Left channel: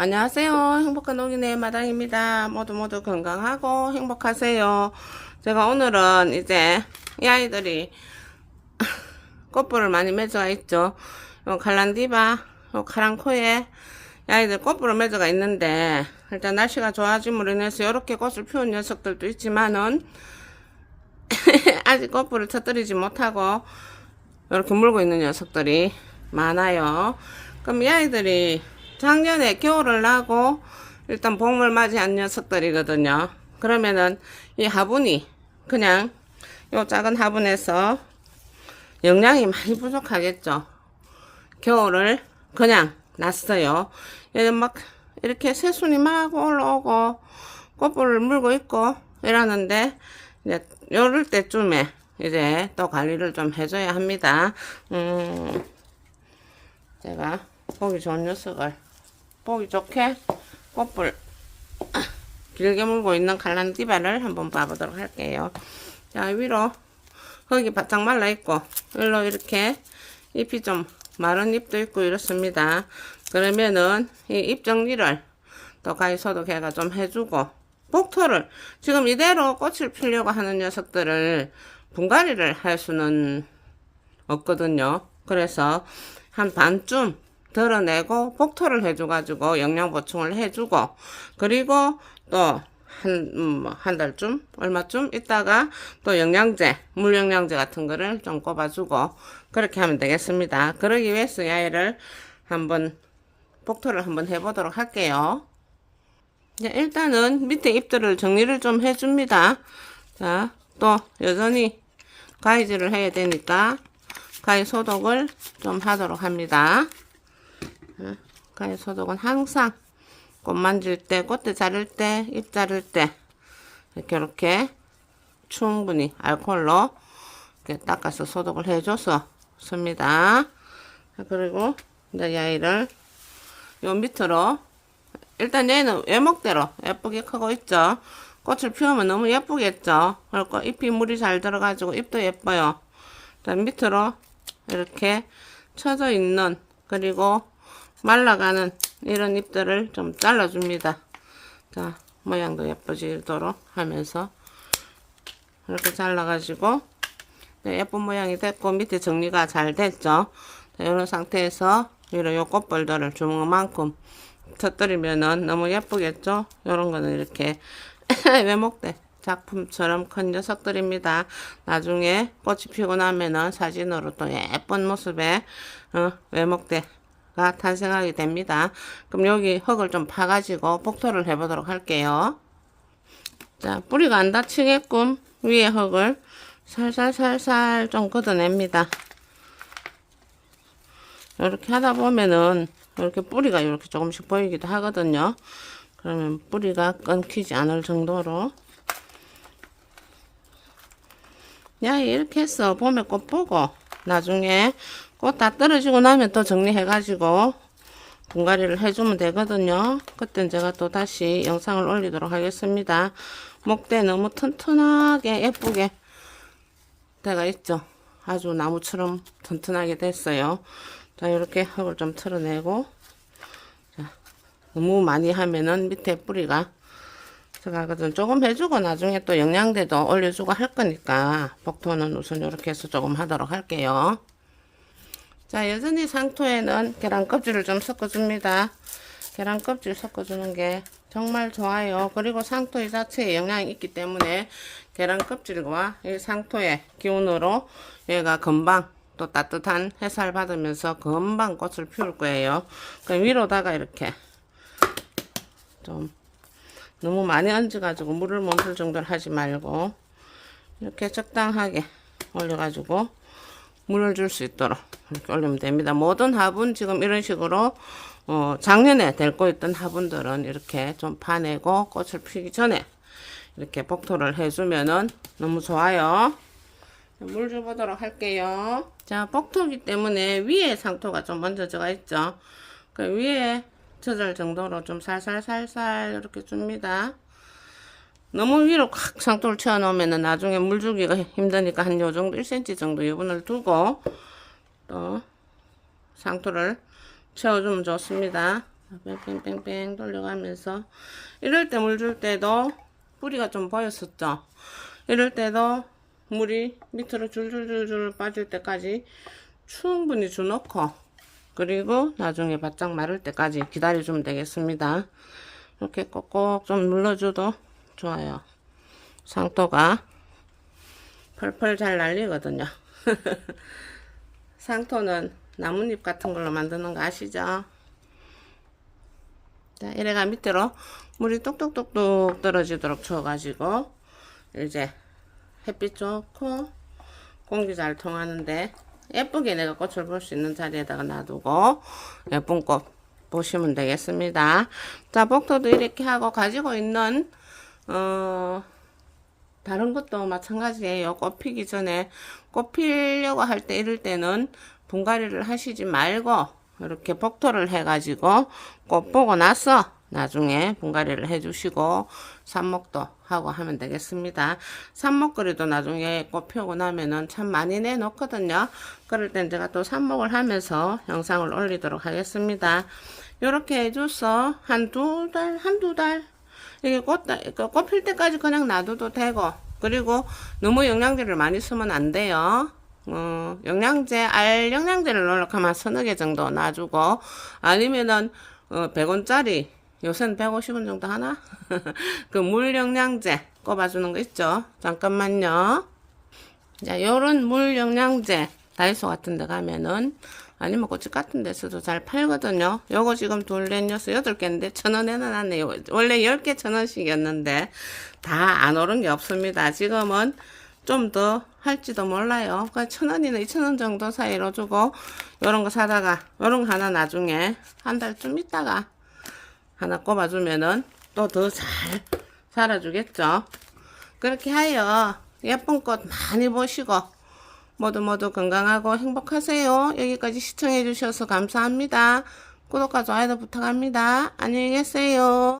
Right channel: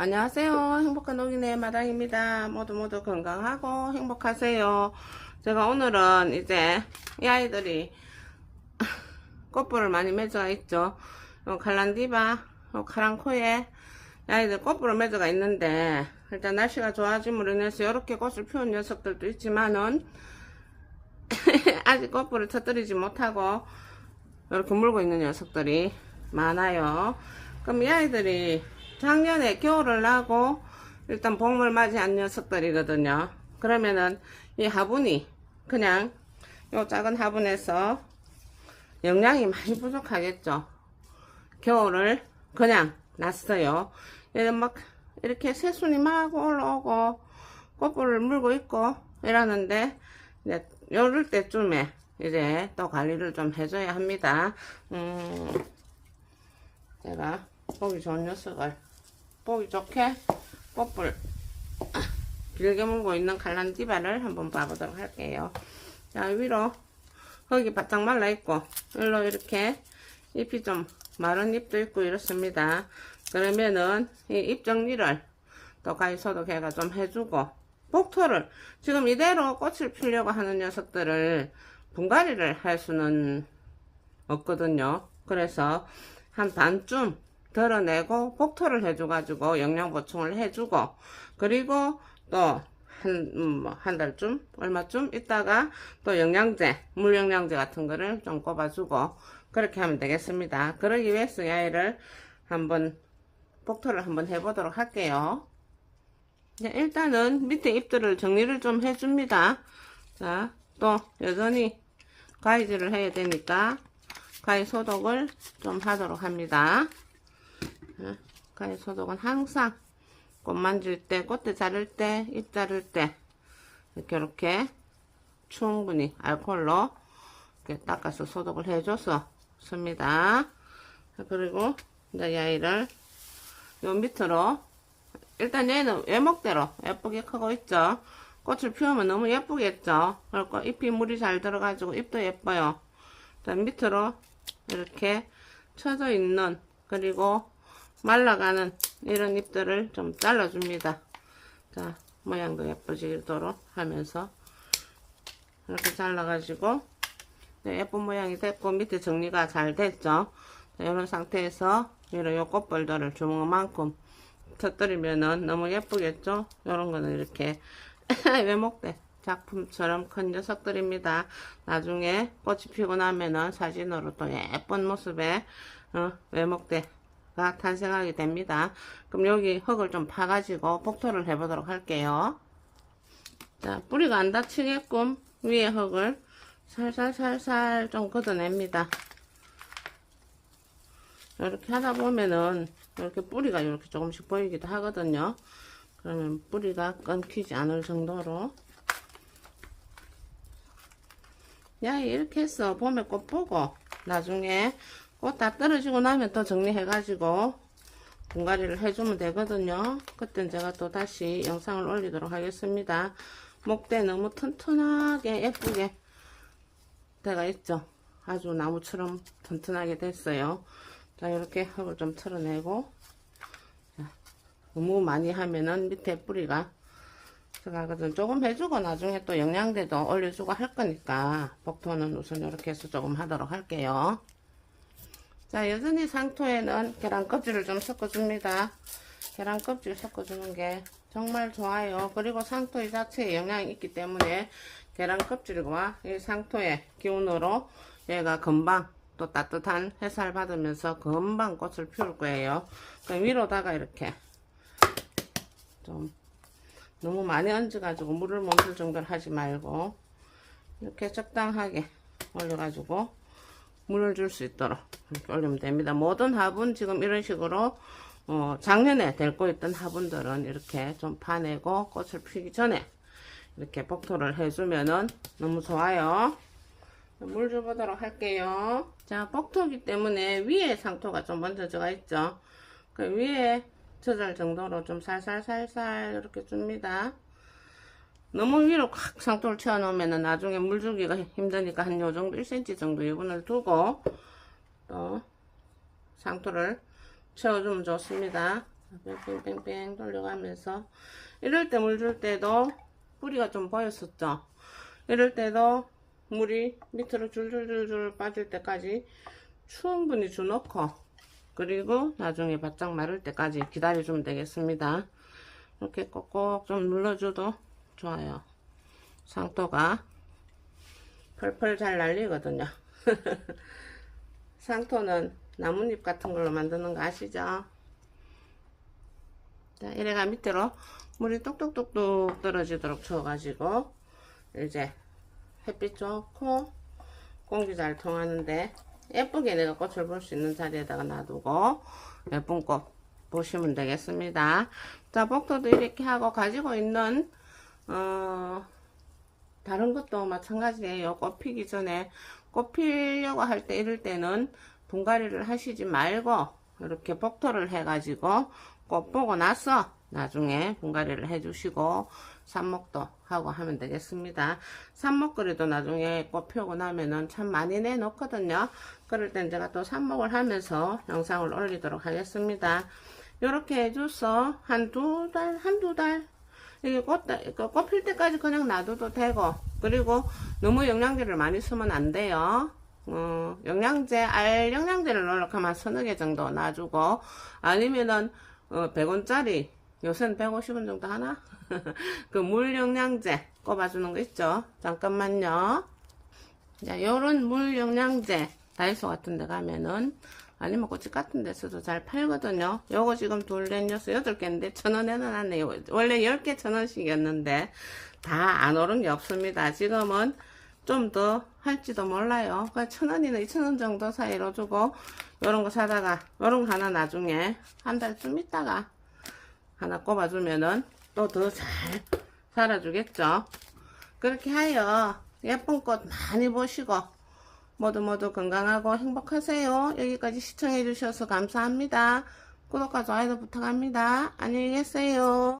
안녕하세요. 행복한 농인의 마당입니다. 모두 건강하고 행복하세요. 제가 오늘은 이제 이 아이들이 꽃불을 많이 맺어가 있죠. 요 칼란디바, 요 카랑코에 이 아이들 꽃불을 맺어가 있는데, 일단 날씨가 좋아짐으로 인해서 이렇게 꽃을 피운 녀석들도 있지만은 아직 꽃불을 터뜨리지 못하고 이렇게 물고 있는 녀석들이 많아요. 그럼 이 아이들이 작년에 겨울을 나고 일단 봄을 맞이한 녀석들이거든요. 그러면은 이 화분이 그냥 요 작은 화분에서 영양이 많이 부족하겠죠. 겨울을 그냥 놨어요. 막 이렇게 새순이 막 올라오고 꽃불을 물고 있고 이러는데, 이제 요럴 때쯤에 이제 또 관리를 좀 해줘야 합니다. 제가 보기 좋은 녀석을 보기 좋게 꽃불 길게 물고 있는 칼란디바를 한번 봐보도록 할게요. 자, 위로 흙이 바짝 말라 있고 일로 이렇게 잎이 좀 마른 잎도 있고 이렇습니다. 그러면은 이 잎 정리를 또 가위소독해가 좀 해주고, 복토를 지금 이대로 꽃을 피려고 하는 녀석들을 분갈이를 할 수는 없거든요. 그래서 한 반쯤 덜어내고 복토를 해줘가지고 영양 보충을 해주고, 그리고 또 한 달쯤 얼마쯤 있다가 또 영양제, 물 영양제 같은 거를 좀 꼽아주고 그렇게 하면 되겠습니다. 그러기 위해서 이 아이를 한번 복토를 한번 해보도록 할게요. 일단은 밑에 잎들을 정리를 좀 해줍니다. 자, 또 여전히 가위질을 해야 되니까 가위 소독을 좀 하도록 합니다. 가위 소독은 항상 꽃 만질 때, 꽃대 자를 때, 잎 자를 때 이렇게 충분히 알코올로 이렇게 닦아서 소독을 해줘서 씁니다. 그리고 이제 이 아이를 요 밑으로, 일단 얘는 외목대로 예쁘게 크고 있죠. 꽃을 피우면 너무 예쁘겠죠. 그리고 잎이 물이 잘 들어가지고 잎도 예뻐요. 일단 밑으로 이렇게 쳐져 있는, 그리고 말라가는 이런 잎들을 좀 잘라줍니다. 자, 모양도 예뻐지도록 하면서 이렇게 잘라가지고 예쁜 모양이 됐고 밑에 정리가 잘 됐죠. 자, 이런 상태에서 위로 요 꽃벌들을 주먹만큼 터뜨리면은 너무 예쁘겠죠. 이런 거는 이렇게 외목대 작품처럼 큰 녀석들입니다. 나중에 꽃이 피고 나면은 사진으로 또 예쁜 모습의 외목대가 탄생하게 됩니다. 그럼 여기 흙을 좀 파가지고 복토를 해보도록 할게요. 자, 뿌리가 안 다치게끔 위에 흙을 살살 좀 걷어냅니다. 이렇게 하다 보면은 이렇게 뿌리가 이렇게 조금씩 보이기도 하거든요. 그러면 뿌리가 끊기지 않을 정도로. 야, 이렇게 해서 봄에 꽃 보고 나중에 꽃 다 떨어지고 나면 또 정리해가지고 분갈이를 해주면 되거든요. 그땐 제가 또 다시 영상을 올리도록 하겠습니다. 목대 너무 튼튼하게 예쁘게 돼가 있죠. 아주 나무처럼 튼튼하게 됐어요. 자, 이렇게 흙을 좀 털어내고, 자, 너무 많이 하면은 밑에 뿌리가 들어가거든. 조금 해주고 나중에 또 영양제도 올려주고 할 거니까 복토는 우선 이렇게 해서 조금 하도록 할게요. 자, 여전히 상토에는 계란 껍질을 좀 섞어줍니다. 계란 껍질 섞어주는 게 정말 좋아요. 그리고 상토 이 자체에 영양이 있기 때문에 계란 껍질과 이 상토의 기운으로 얘가 금방 또 따뜻한 햇살 받으면서 금방 꽃을 피울 거예요. 위로다가 이렇게 좀 너무 많이 얹어가지고 물을 멈출 정도로 하지 말고 이렇게 적당하게 올려가지고 물을 줄 수 있도록 이렇게 올리면 됩니다. 모든 화분 지금 이런 식으로 작년에 델고 있던 화분들은 이렇게 좀 파내고 꽃을 피기 전에 이렇게 복토를 해주면은 너무 좋아요. 물 줘보도록 할게요. 자, 복토기 때문에 위에 상토가 좀 얹어져가 있죠. 그 위에 젖을 정도로 좀 살살 이렇게 줍니다. 너무 위로 콱 상토를 채워 놓으면 나중에 물 주기가 힘드니까 한 요 정도 1cm 정도 유분을 두고 또 상토를 채워주면 좋습니다. 뺑뺑뺑뺑 돌려가면서 이럴 때 물 줄 때도 뿌리가 좀 보였었죠. 이럴 때도 물이 밑으로 줄줄줄줄 빠질 때까지 충분히 주놓고 그리고 나중에 바짝 마를 때까지 기다려주면 되겠습니다. 이렇게 꼭꼭 좀 눌러줘도 좋아요. 상토가 펄펄 잘 날리거든요. 상토는 나뭇잎 같은 걸로 만드는 거 아시죠? 자, 이래가 밑으로 물이 뚝뚝뚝뚝 떨어지도록 쳐가지고 이제 햇빛 좋고 공기 잘 통하는데 예쁘게 내가 꽃을 볼 수 있는 자리에다가 놔두고 예쁜 꽃 보시면 되겠습니다. 자, 복도도 이렇게 하고 가지고 있는 다른 것도 마찬가지예요. 꽃 피기 전에 꽃 피려고 할 때 이럴 때는 분갈이를 하시지 말고 이렇게 복토를 해가지고 꽃 보고 나서 나중에 분갈이를 해주시고 삽목도 하고 하면 되겠습니다. 삽목거리도 나중에 꽃 피우고 나면은 참 많이 내놓거든요. 그럴 땐 제가 또 삽목을 하면서 영상을 올리도록 하겠습니다. 이렇게 해줘서 한두 달 이게 꽃 필 때까지 그냥 놔둬도 되고, 그리고 너무 영양제를 많이 쓰면 안 돼요. 영양제, 알 영양제를 넣으면 서너 개 정도 놔주고, 아니면은 100원짜리 요새는 150원 정도 하나? 그 물 영양제 꼽아주는 거 있죠? 잠깐만요. 자, 요런 물 영양제 다이소 같은 데 가면은 아니면 꽃집 같은 데서도 잘 팔거든요. 요거 지금 둘, 넷, 여섯, 8개인데 1,000원에 해놨네요. 원래 10개 1,000원씩이었는데 다 안 오른 게 없습니다. 지금은 좀 더 할지도 몰라요. 1,000원이나 2,000원 정도 사이로 주고 요런 거 사다가 요런 거 하나 나중에 한 달쯤 있다가 하나 꼽아주면은 또 더 잘 살아주겠죠. 그렇게 하여 예쁜 꽃 많이 보시고 모두 건강하고 행복하세요. 여기까지 시청해 주셔서 감사합니다. 구독과 좋아요 부탁합니다. 안녕히 계세요.